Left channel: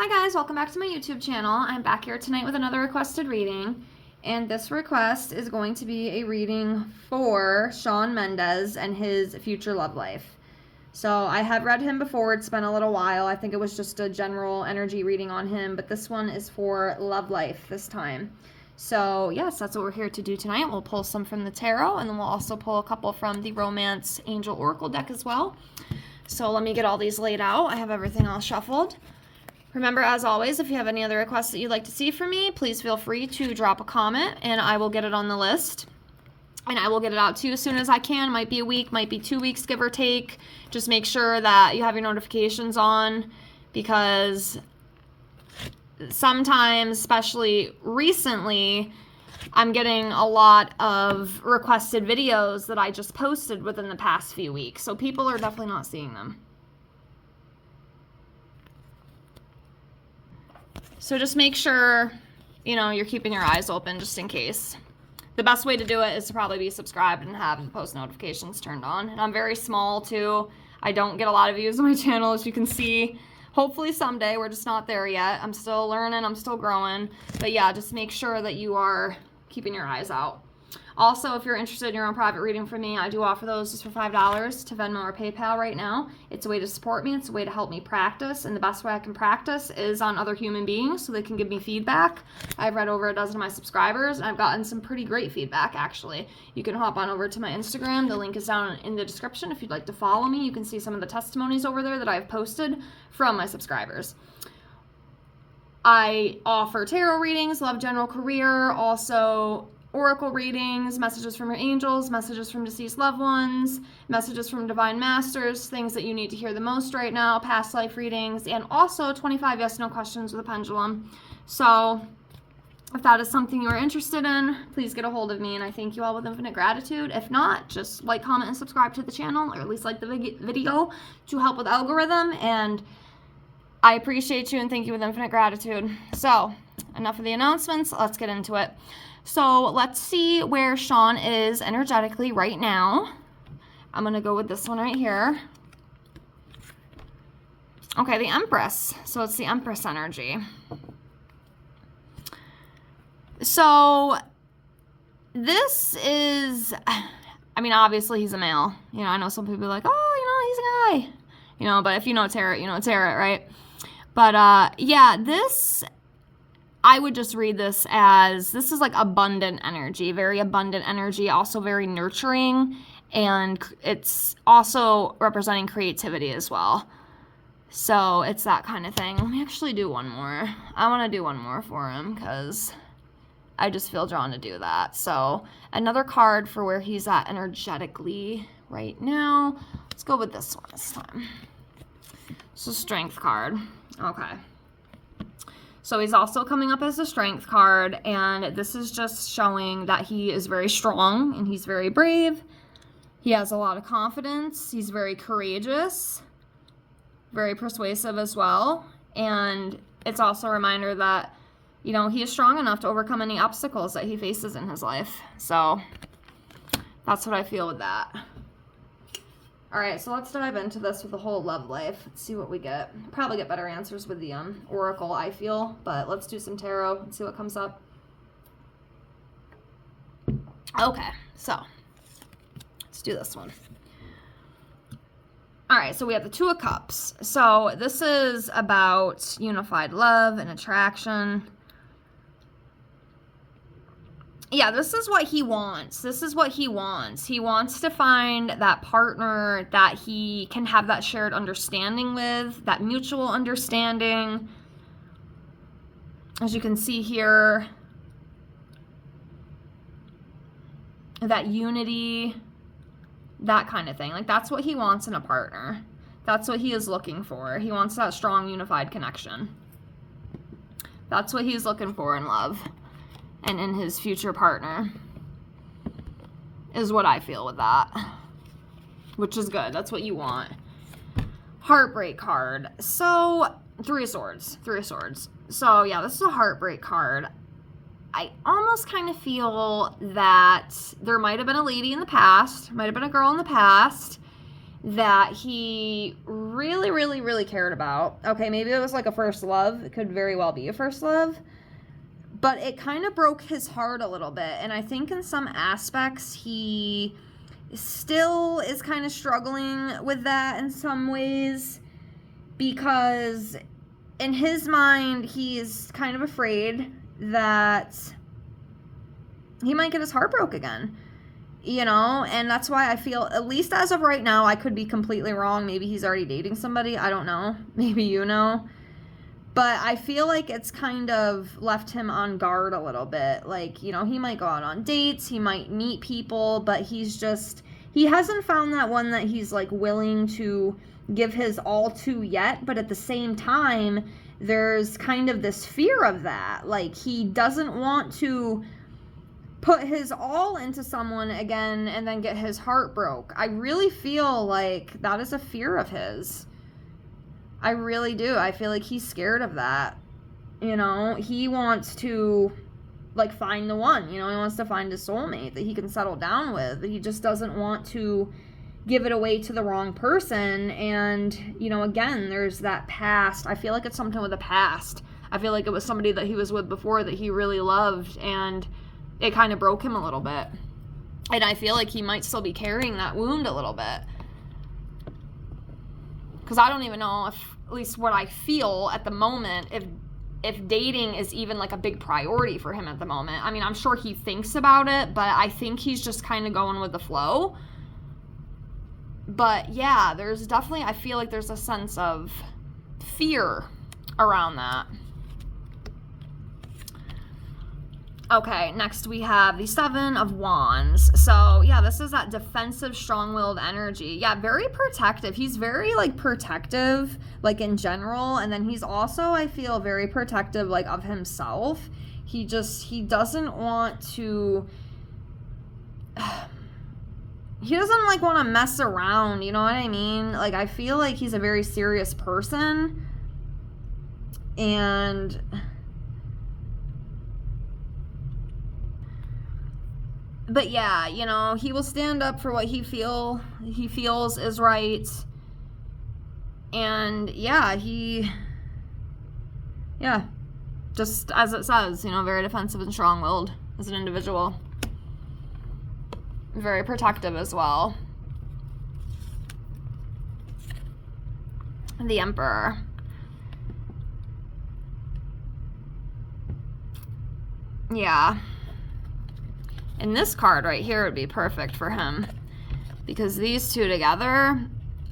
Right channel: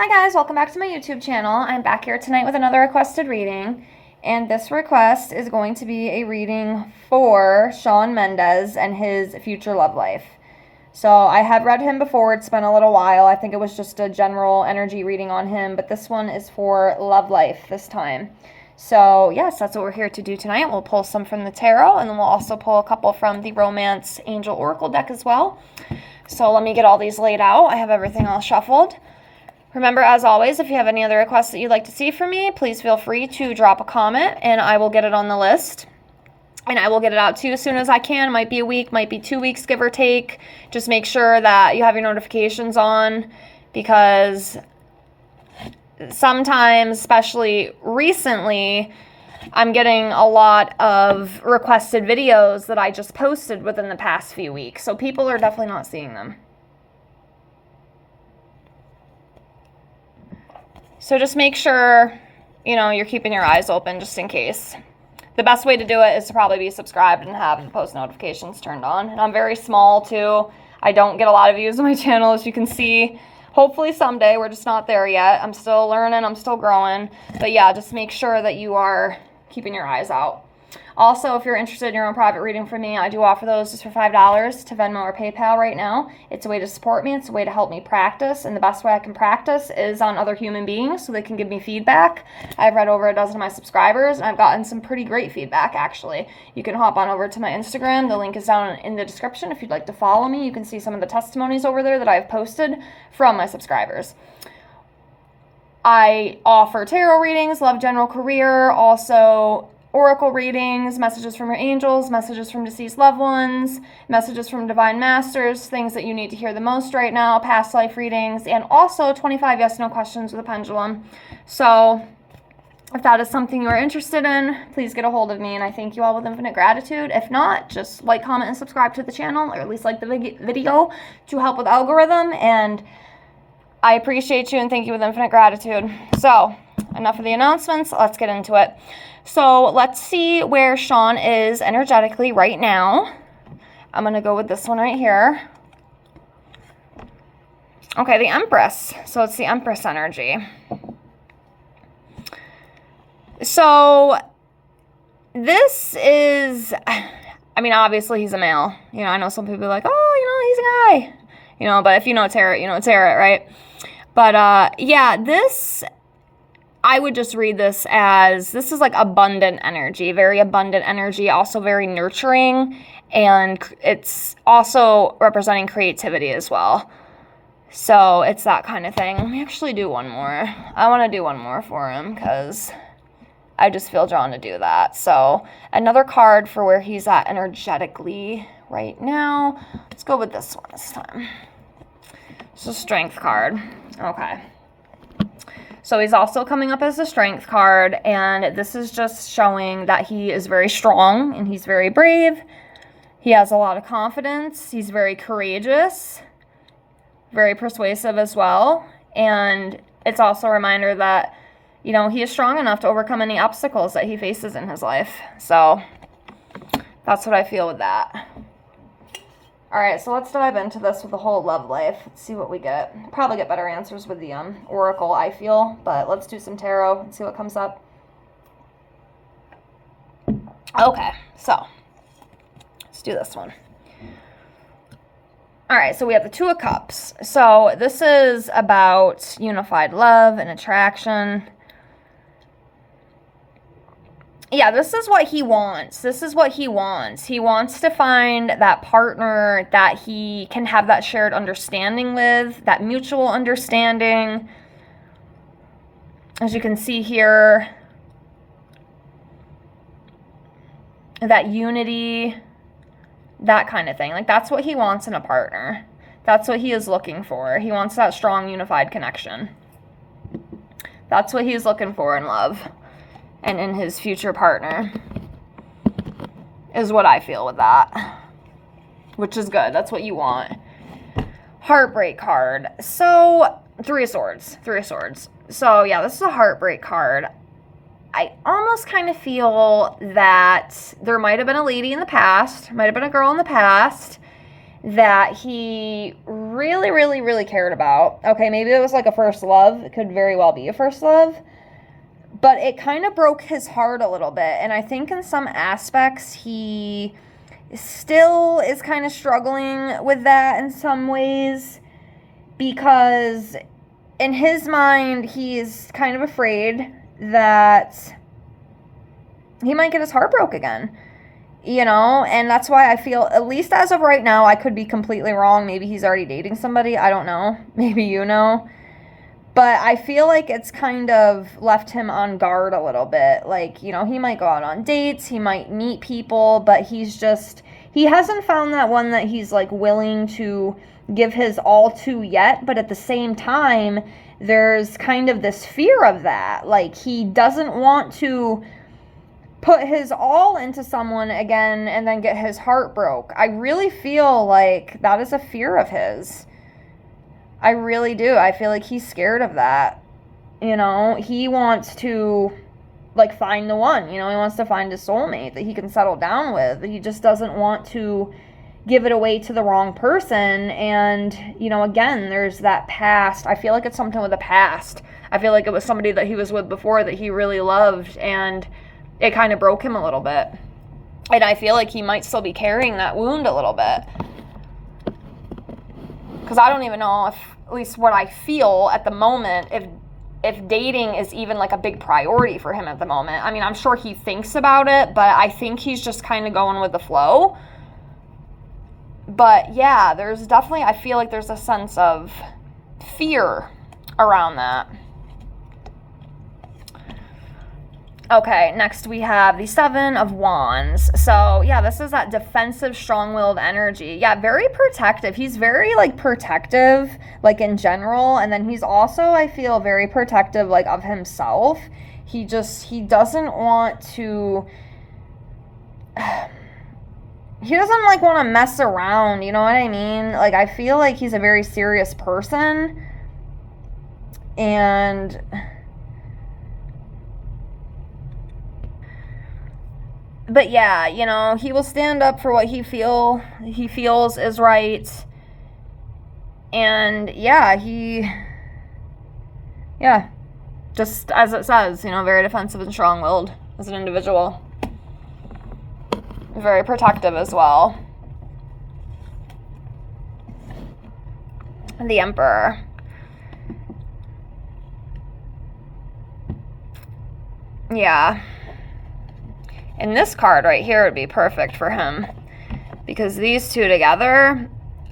Hi guys, welcome back to my YouTube channel. I'm back here tonight with another requested reading, and this request is going to be a reading for Shawn Mendes and his future love life. So I have read him before. It's been a little while. I think it was just a general energy reading on him, but this one is for love life this time. So yes, that's what we're here to do tonight. We'll pull some from the tarot, and then we'll also pull a couple from the Romance Angel Oracle deck as well. So let me get all these laid out. I have everything all shuffled. Remember, as always, if you have any other requests that you'd like to see from me, please feel free to drop a comment and I will get it on the list. And I will get it out to you as soon as I can. Might be a week, might be 2 weeks, give or take. Just make sure that you have your notifications on, because sometimes, especially recently, I'm getting a lot of requested videos that I just posted within the past few weeks. So people are definitely not seeing them. So just make sure, you're keeping your eyes open just in case. The best way to do it is to probably be subscribed and have the post notifications turned on. And I'm very small too. I don't get a lot of views on my channel, as you can see. Hopefully someday. We're just not there yet. I'm still learning. I'm still growing. But yeah, just make sure that you are keeping your eyes out. Also, if you're interested in your own private reading from me, I do offer those just for $5 to Venmo or PayPal right now. It's a way to support me. It's a way to help me practice. And the best way I can practice is on other human beings so they can give me feedback. I've read over a dozen of my subscribers, and I've gotten some pretty great feedback, actually. You can hop on over to my Instagram. The link is down in the description. If you'd like to follow me, you can see some of the testimonies over there that I've posted from my subscribers. I offer tarot readings, love, general, career, also oracle readings, messages from your angels, messages from deceased loved ones, messages from divine masters, things that you need to hear the most right now, past life readings, and also 25 yes/no questions with a pendulum. So if that is something you are interested in, please get a hold of me, and I thank you all with infinite gratitude. If not, just like, comment, and subscribe to the channel, or at least like the video to help with algorithm, and I appreciate you and thank you with infinite gratitude. So enough of the announcements, let's get into it. So let's see where Shawn is energetically right now. I'm going to go with this one right here. Okay, the Empress. So it's the Empress energy. So this is, obviously he's a male. I know some people are like, oh, he's a guy. But if you know tarot, you know tarot, right? But yeah, I would just read this as, this is like abundant energy, very abundant energy, also very nurturing, and it's also representing creativity as well. So it's that kind of thing. Let me actually do one more. I want to do one more for him because I just feel drawn to do that. So another card for where he's at energetically right now. Let's go with this one this time. So Strength card. Okay. So he's also coming up as a Strength card, and this is just showing that he is very strong and he's very brave. He has a lot of confidence. He's very courageous, very persuasive as well. And it's also a reminder that, he is strong enough to overcome any obstacles that he faces in his life. So that's what I feel with that. All right, so let's dive into this with the whole love life. Let's see what we get. Probably get better answers with the oracle, I feel, but let's do some tarot and see what comes up. Okay, so let's do this one. All right, so we have the Two of Cups. So this is about unified love and attraction. Yeah, this is what he wants. This is what he wants. He wants to find that partner that he can have that shared understanding with, that mutual understanding. As you can see here, that unity, that kind of thing. Like, that's what he wants in a partner. That's what he is looking for. He wants that strong, unified connection. That's what he's looking for in love. And in his future partner, is what I feel with that, which is good. That's what you want. Heartbreak card. So Three of Swords. So yeah, this is a heartbreak card. I almost kind of feel that there might have been a lady in the past, might have been a girl in the past, that he really, really, really cared about. Okay, maybe it was like a first love. It could very well be a first love. But it kind of broke his heart a little bit. And I think in some aspects he still is kind of struggling with that in some ways. Because in his mind, he's kind of afraid that he might get his heart broke again. You know, and that's why I feel, at least as of right now, I could be completely wrong. Maybe he's already dating somebody. I don't know. Maybe you know. But I feel like it's kind of left him on guard a little bit. Like, you know, he might go out on dates. He might meet people. But he hasn't found that one that he's, like, willing to give his all to yet. But at the same time, there's kind of this fear of that. Like, he doesn't want to put his all into someone again and then get his heart broke. I really feel like that is a fear of his. I really do. I feel like he's scared of that. You know, he wants to, like, find the one. You know, he wants to find his soulmate that he can settle down with. He just doesn't want to give it away to the wrong person. And, you know, again, there's that past. I feel like it's something with the past. I feel like it was somebody that he was with before that he really loved, and it kind of broke him a little bit. And I feel like he might still be carrying that wound a little bit. Because I don't even know if, at least what I feel at the moment, if dating is even like a big priority for him at the moment. I mean, I'm sure he thinks about it, but I think he's just kind of going with the flow. But yeah, there's definitely, I feel like there's a sense of fear around that. Okay, next we have the Seven of Wands. So, yeah, this is that defensive, strong-willed energy. Yeah, very protective. He's very, like, protective, like, in general. And then he's also, I feel, very protective, like, of himself. He doesn't want to... He doesn't, like, want to mess around, you know what I mean? Like, I feel like he's a very serious person. And... But yeah, you know, he will stand up for what he feels is right. And yeah, just as it says, you know, very defensive and strong-willed as an individual. Very protective as well. The Emperor. Yeah. And this card right here would be perfect for him, because these two together,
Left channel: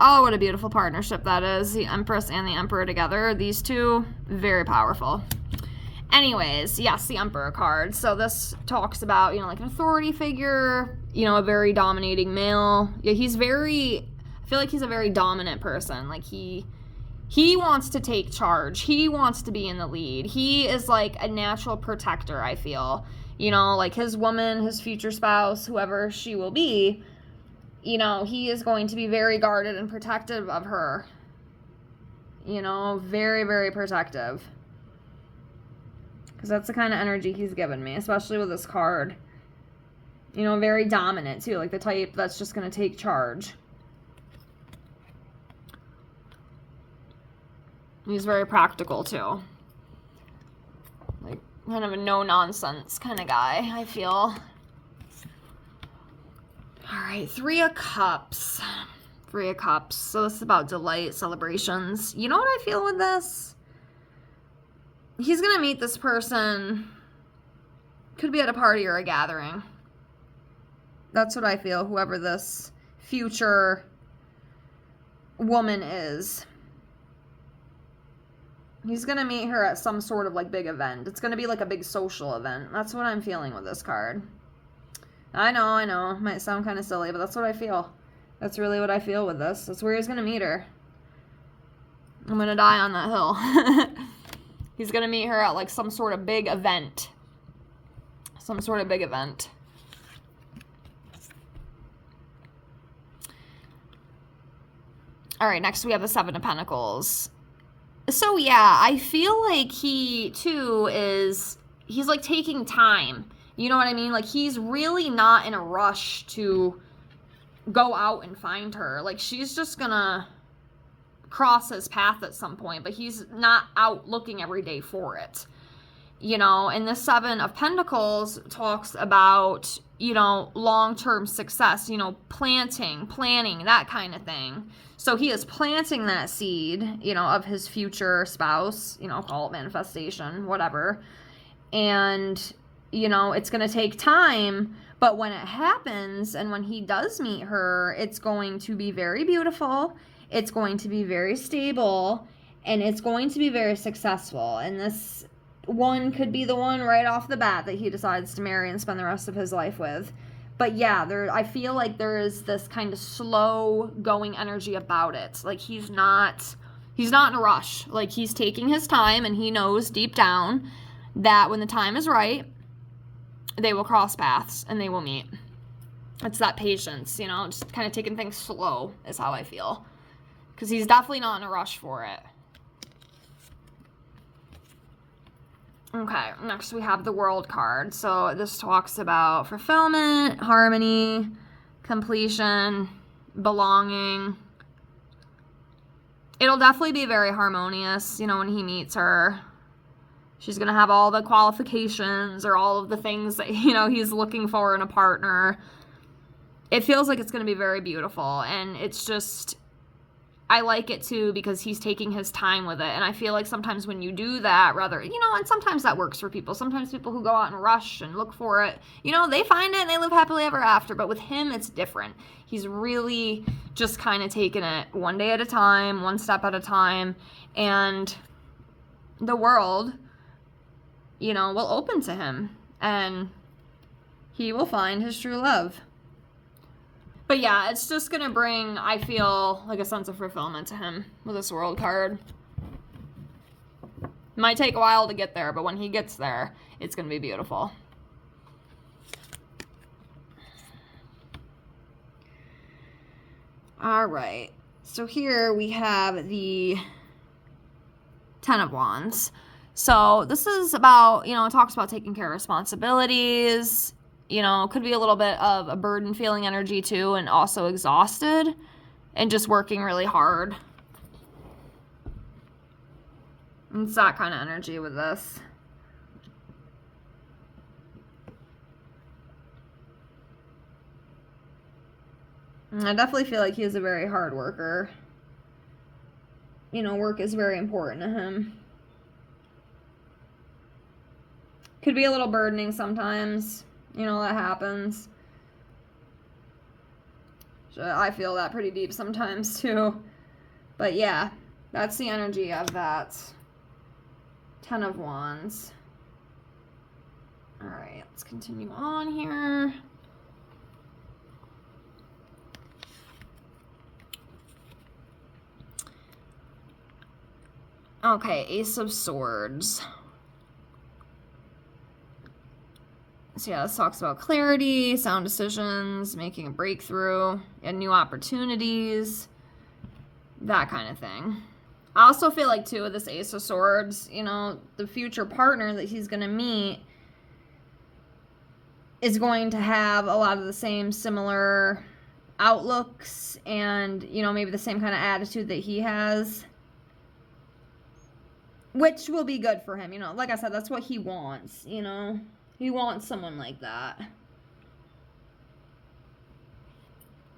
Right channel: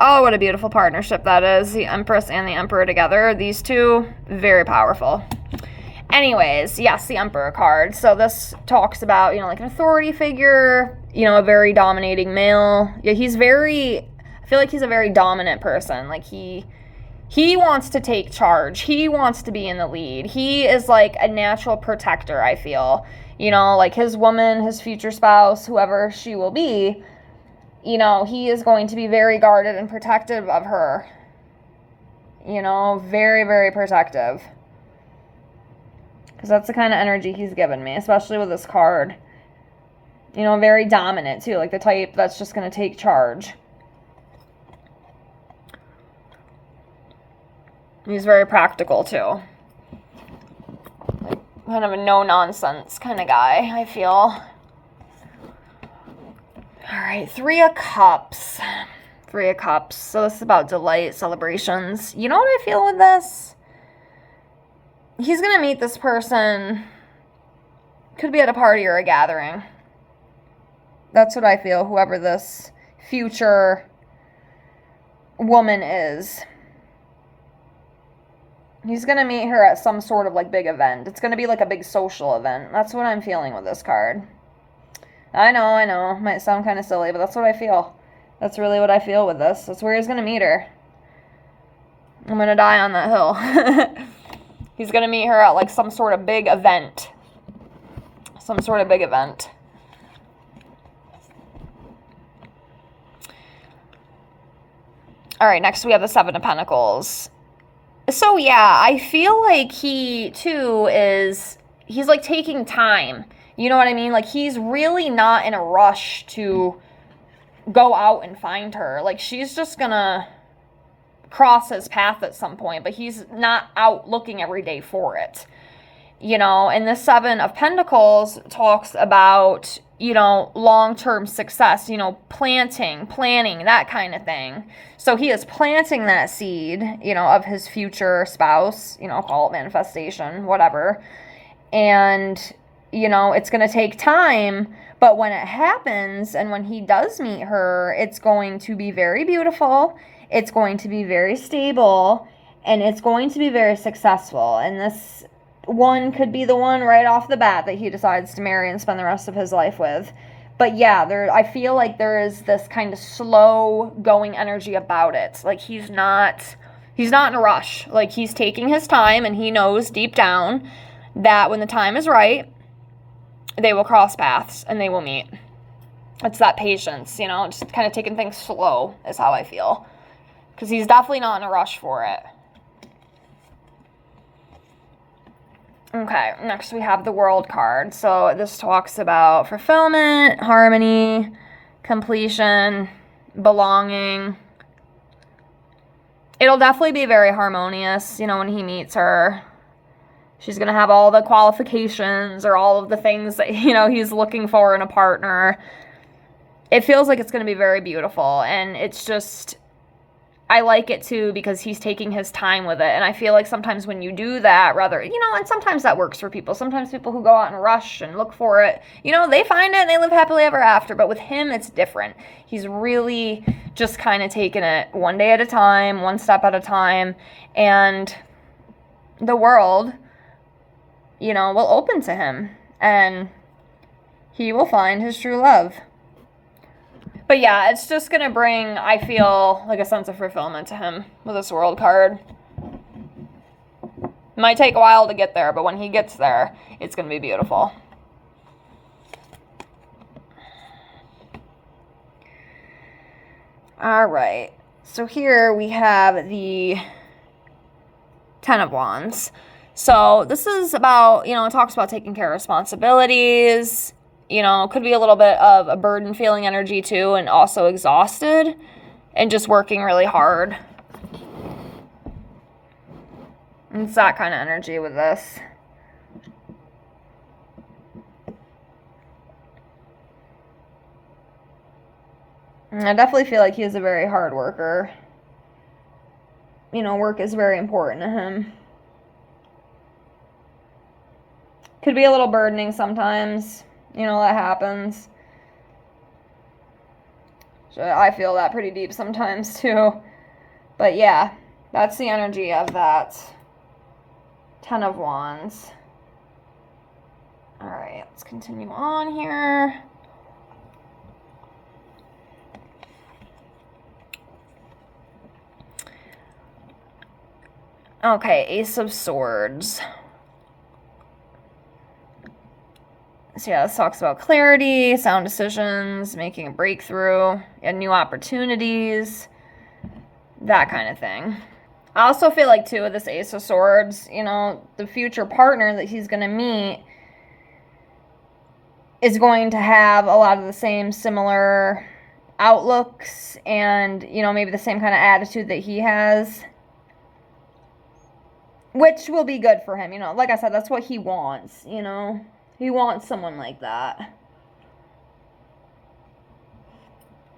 oh, what a beautiful partnership that is. The Empress and the Emperor together. These two, very powerful. Anyways, yes, the Emperor card. So this talks about, you know, like an authority figure, you know, a very dominating male. Yeah, I feel like he's a very dominant person. Like he wants to take charge. He wants to be in the lead. He is like a natural protector, I feel. You know, like his woman, his future spouse, whoever she will be, you know, he is going to be very guarded and protective of her. You know, very, very protective. Because that's the kind of energy he's given me, especially with this card. You know, very dominant, too. Like the type that's just going to take charge. He's very practical, too. Kind of a no-nonsense kind of guy, I feel. All right, Three of Cups. Three of Cups. So this is about delight, celebrations. You know what I feel with this? He's going to meet this person. Could be at a party or a gathering. That's what I feel, whoever this future woman is. He's going to meet her at some sort of, like, big event. It's going to be, like, a big social event. That's what I'm feeling with this card. I know. Might sound kind of silly, but that's what I feel. That's really what I feel with this. That's where he's going to meet her. I'm going to die on that hill. He's going to meet her at, like, some sort of big event. Some sort of big event. All right, next we have the Seven of Pentacles. So, yeah, I feel like he, too, he's, like, taking time. You know what I mean? Like, he's really not in a rush to go out and find her. Like, she's just gonna cross his path at some point, but he's not out looking every day for it. And the Seven of Pentacles talks about, long-term success, planning, that kind of thing. So he is planting that seed, of his future spouse, call it manifestation, whatever. And, it's going to take time, but when it happens and when he does meet her, it's going to be very beautiful. It's going to be very stable, and it's going to be very successful. And this one could be the one right off the bat that he decides to marry and spend the rest of his life with. But yeah, I feel like there is this kind of slow going energy about it. Like, he's not in a rush. Like, he's taking his time, and he knows deep down that when the time is right, they will cross paths and they will meet. It's that patience, just kind of taking things slow is how I feel. Because he's definitely not in a rush for it. Okay, next we have the World card. So this talks about fulfillment, harmony, completion, belonging. It'll definitely be very harmonious, when he meets her. She's going to have all the qualifications or all of the things that, he's looking for in a partner. It feels like it's going to be very beautiful, and it's just, I like it too because he's taking his time with it. And I feel like sometimes when you do that, and sometimes that works for people. Sometimes people who go out in a rush and look for it, they find it and they live happily ever after. But with him, it's different. He's really just kind of taking it one day at a time, one step at a time. And the world, will open to him. And he will find his true love. But yeah, it's just going to bring, I feel, like a sense of fulfillment to him with this World card. It might take a while to get there, but when he gets there, it's going to be beautiful. All right. So here we have the Ten of Wands. So this is about, it talks about taking care of responsibilities. Could be a little bit of a burden feeling energy too, and also exhausted and just working really hard. It's that kind of energy with this. And I definitely feel like he is a very hard worker. Work is very important to him. Could be a little burdening sometimes. That happens. I feel that pretty deep sometimes too. But yeah, that's the energy of that Ten of Wands. All right, let's continue on here. Okay, Ace of Swords. So yeah, this talks about clarity, sound decisions, making a breakthrough, and new opportunities, that kind of thing. I also feel like, too, with this Ace of Swords, the future partner that he's going to meet is going to have a lot of the same similar outlooks and, maybe the same kind of attitude that he has, which will be good for him. Like I said, that's what he wants, He wants someone like that.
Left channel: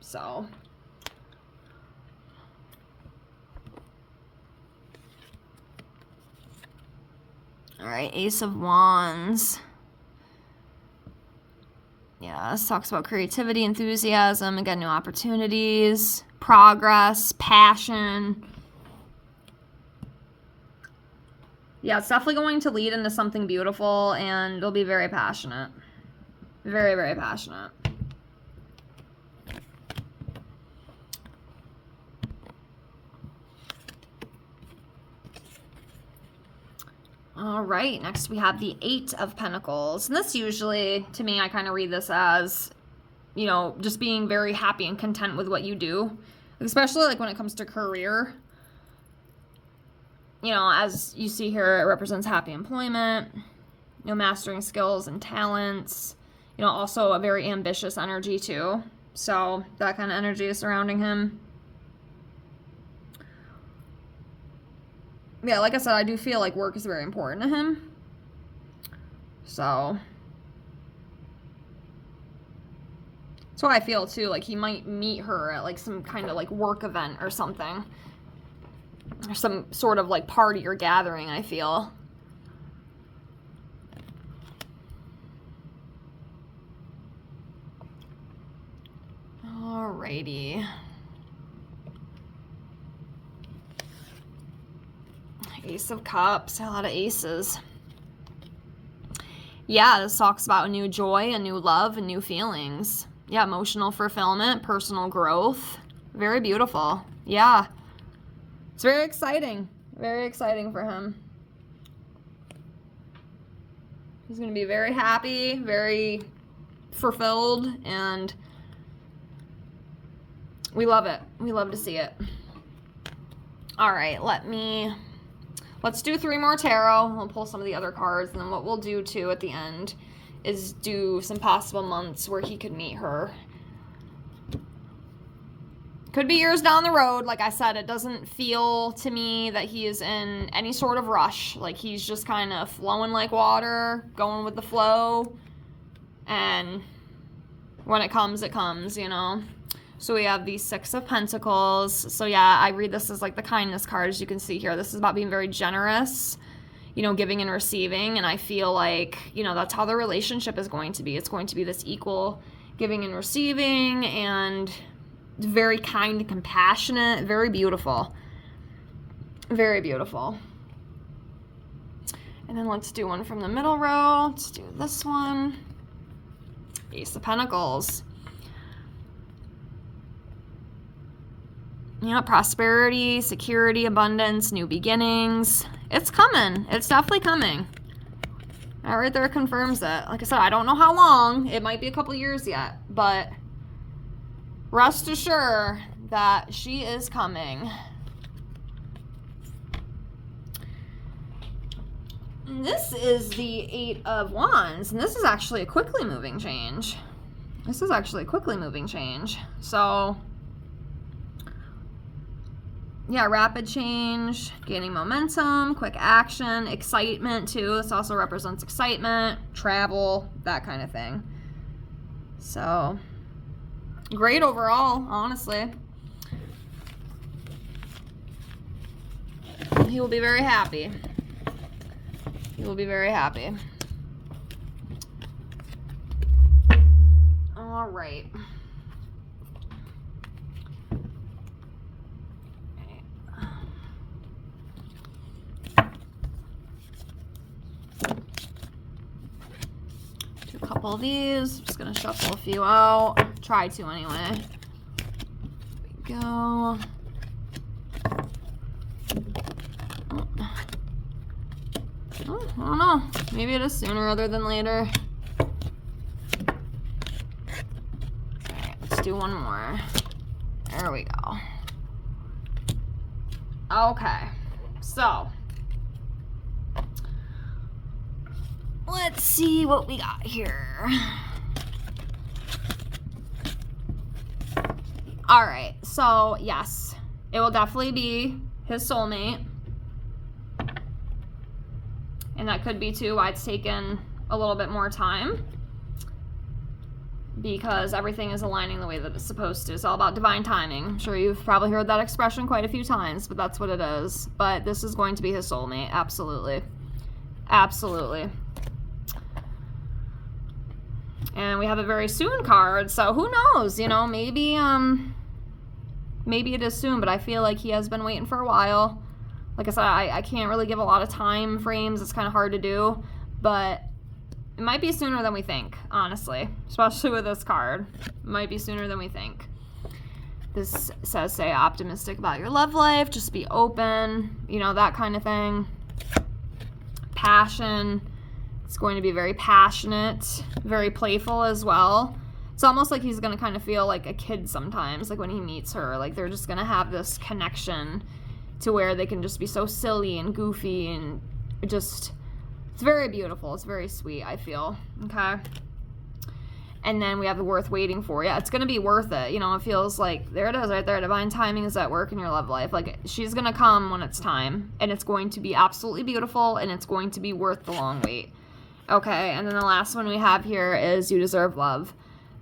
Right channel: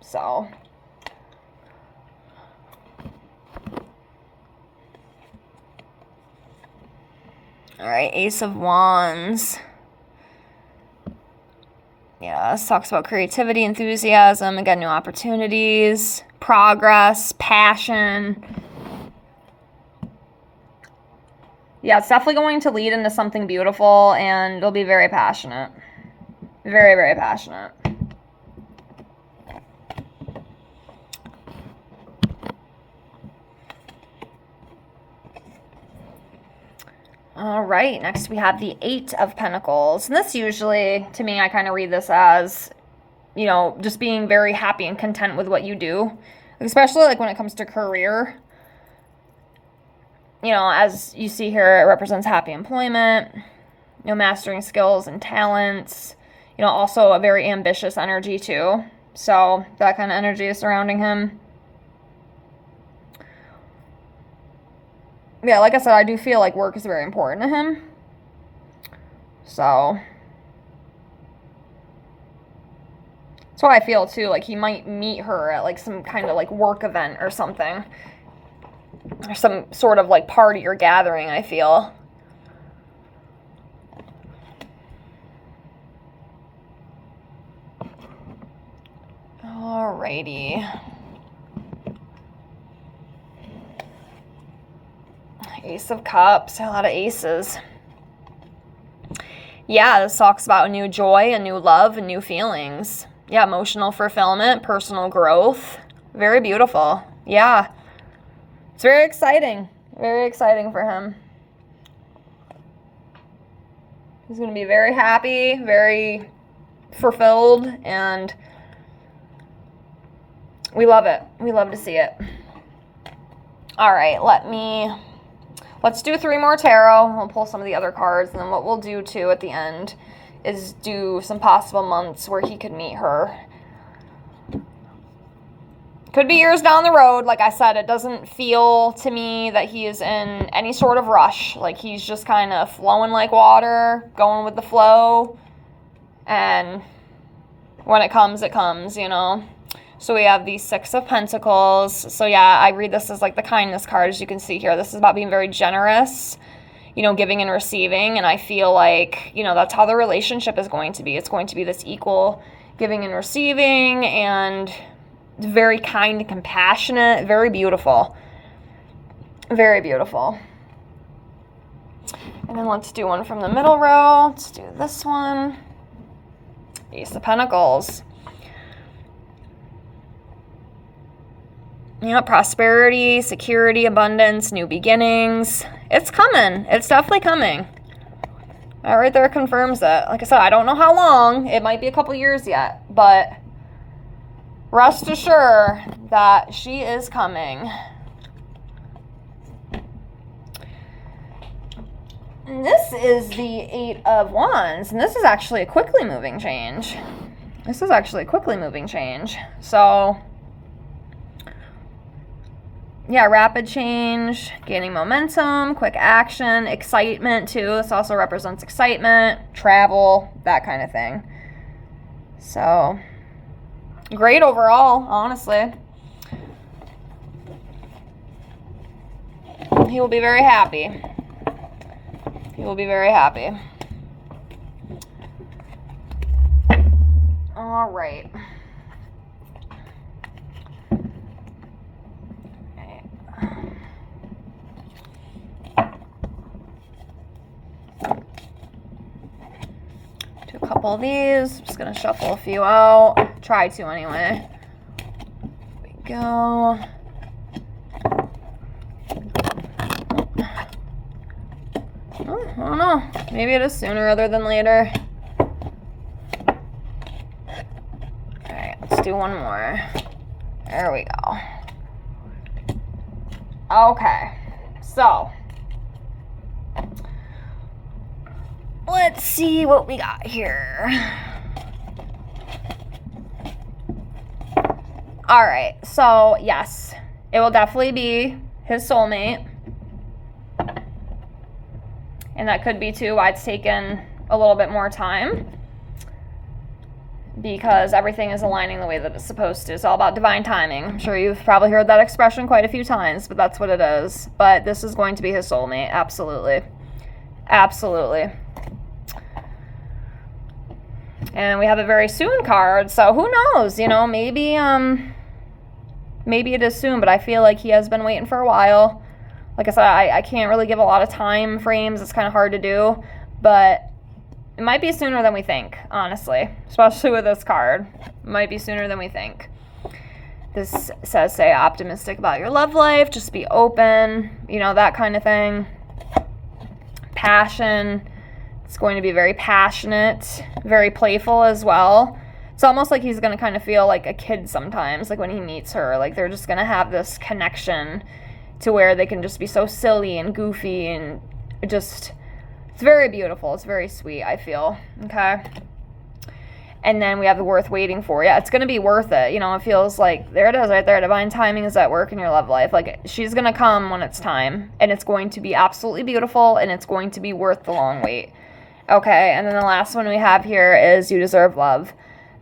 So. All right, Ace of Wands. Yeah, this talks about creativity, enthusiasm, again, new opportunities, progress, passion. Yeah, it's definitely going to lead into something beautiful, and it'll be very passionate. Very, very passionate. All right, next we have the Eight of Pentacles. And this usually, to me, I kind of read this as, just being very happy and content with what you do. Especially like when it comes to career. As you see here, it represents happy employment, mastering skills and talents, also a very ambitious energy too. So that kind of energy is surrounding him. Yeah, like I said, I do feel like work is very important to him. So that's why I feel too, like he might meet her at like some kind of like work event or something. Or some sort of like party or gathering, I feel. Alrighty. Ace of Cups, a lot of aces. Yeah, this talks about a new joy, a new love, and new feelings. Yeah, emotional fulfillment, personal growth. Very beautiful. Yeah. It's very exciting. Very exciting for him. He's going to be very happy, very fulfilled, and we love it. We love to see it. All right, let's do 3 more tarot. We'll pull some of the other cards, and then what we'll do too at the end is do some possible months where he could meet her. Could be years down the road. Like I said, it doesn't feel to me that he is in any sort of rush. Like he's just kind of flowing like water, going with the flow. And when it comes, it comes, you know. So we have the 6 of Pentacles. So yeah, I read this as like the kindness card, as you can see here. This is about being very generous, you know, giving and receiving. And I feel like, you know, that's how the relationship is going to be. It's going to be this equal giving and receiving, and very kind and compassionate. Very beautiful. Very beautiful. And then let's do one from the middle row. Let's do this one. Ace of Pentacles. You know, prosperity, security, abundance, new beginnings. It's coming. It's definitely coming. That right there confirms it. Like I said, I don't know how long. It might be a couple years yet, but rest assured that she is coming. And this is the 8 of Wands, and this is actually a quickly moving change. So yeah, rapid change, gaining momentum, quick action, excitement too. This also represents excitement, travel, that kind of thing. So great overall, honestly. He will be very happy. He will be very happy. All right. Do a couple of these. I'm just going to shuffle a few out. Try to anyway. There we go. Oh, I don't know. Maybe it is sooner rather than later. Alright, let's do one more. There we go. Okay, so let's see what we got here. Alright, so yes, it will definitely be his soulmate. And that could be too why it's taken a little bit more time, because everything is aligning the way that it's supposed to. It's all about divine timing. I'm sure you've probably heard that expression quite a few times, but that's what it is. But this is going to be his soulmate. Absolutely. Absolutely. And we have a very soon card, so who knows? You know, maybe it is soon, but I feel like he has been waiting for a while. Like I said, I can't really give a lot of time frames. It's kind of hard to do, but it might be sooner than we think, honestly, especially with this card. It might be sooner than we think. This says, stay optimistic about your love life, just be open, you know, that kind of thing. Passion. It's going to be very passionate, very playful as well. It's almost like he's going to kind of feel like a kid sometimes, like when he meets her. Like they're just going to have this connection to where they can just be so silly and goofy, and just, it's very beautiful. It's very sweet, I feel. Okay. And then we have the worth waiting for. Yeah, it's going to be worth it. You know, it feels like, there it is right there. Divine timing is at work in your love life. Like, she's going to come when it's time. And it's going to be absolutely beautiful. And it's going to be worth the long wait. Okay, and then the last one we have here is you deserve love.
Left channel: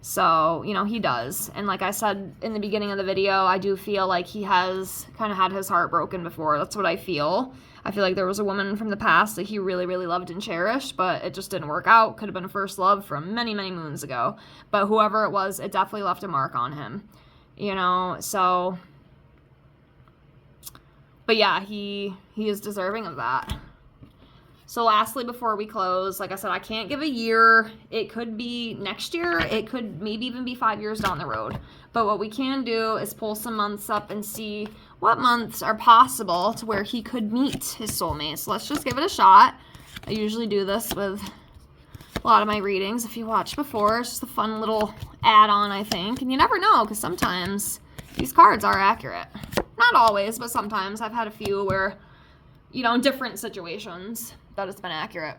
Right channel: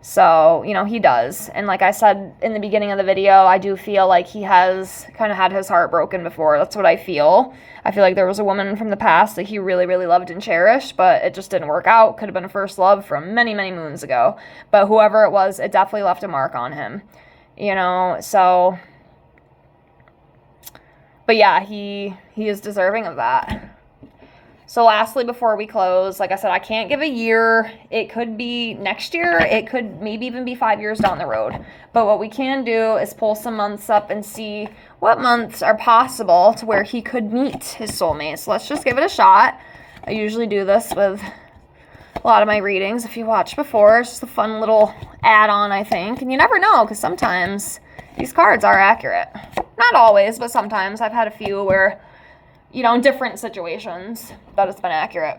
So, you know, he does. And like I said in the beginning of the video, I do feel like he has kind of had his heart broken before. That's what I feel. I feel like there was a woman from the past that he really, really loved and cherished, but it just didn't work out. Could have been a first love from many, many moons ago. But whoever it was, it definitely left a mark on him. You know, so... But yeah, he is deserving of that. So lastly, before we close, like I said, I can't give a year. It could be next year. It could maybe even be 5 years down the road. But what we can do is pull some months up and see what months are possible to where he could meet his soulmate. So let's just give it a shot. I usually do this with a lot of my readings. If you watched before, it's just a fun little add-on, I think. And you never know, because sometimes these cards are accurate. Not always, but sometimes. I've had a few where, you know, in different situations that it's been accurate.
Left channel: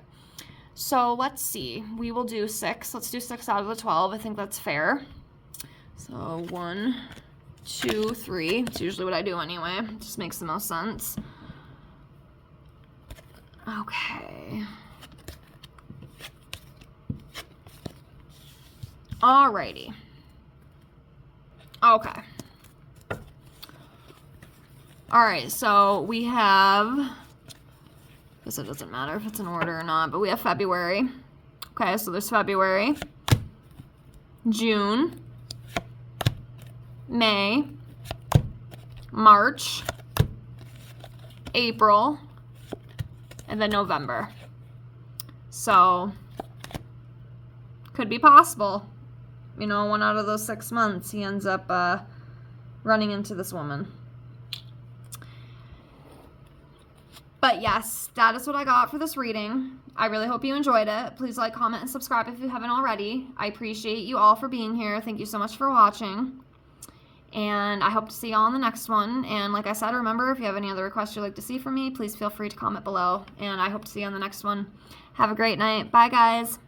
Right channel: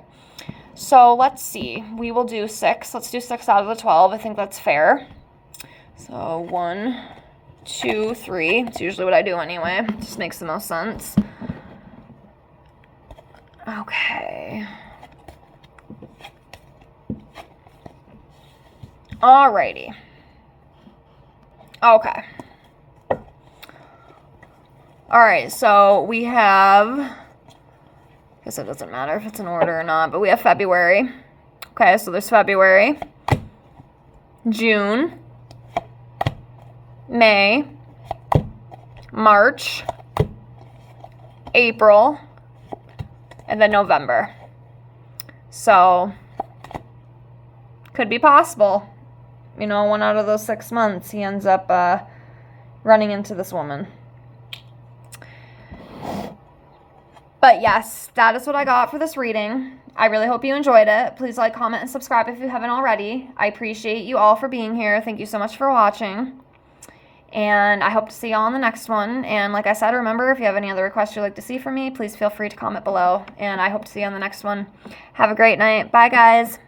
So let's see. We will do 6. Let's do 6 out of the 12. I think that's fair. So 1, 2, 3. It's usually what I do anyway. It just makes the most sense. Okay. Alrighty. Okay. Alright, so we have... I guess it doesn't matter if it's in order or not, but we have February. Okay, so there's February, June, May, March, April, and then November. So, could be possible. You know, 1 out of those 6 months, he ends up running into this woman. But yes, that is what I got for this reading. I really hope you enjoyed it. Please like, comment, and subscribe if you haven't already. I appreciate you all for being here. Thank you so much for watching. And I hope to see you all on the next one. And like I said, remember, if you have any other requests you'd like to see from me, please feel free to comment below. And I hope to see you on the next one. Have a great night. Bye, guys.